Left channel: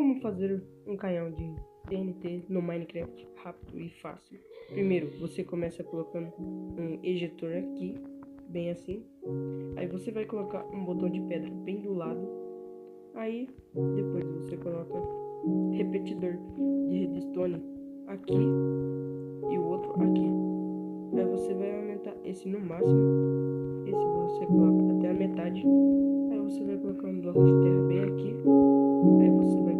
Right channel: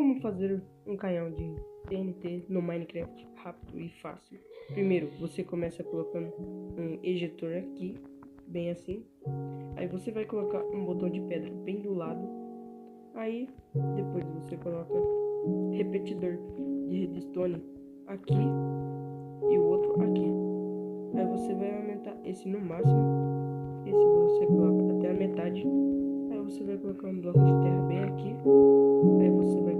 Como fazer um canhão de TNT no Minecraft rápido e fácil? Primeiro, você começa colocando um ejetor aqui, bem assim. Aí você vai colocar um botão de pedra bem do lado. Aí, depois você coloca repetidor de redstone aqui e o outro aqui. Aí você vai aumentar esse no máximo. Esse você coloca até a metade. Aí você vai colocar um bloco de terra bem aqui. Aí você vai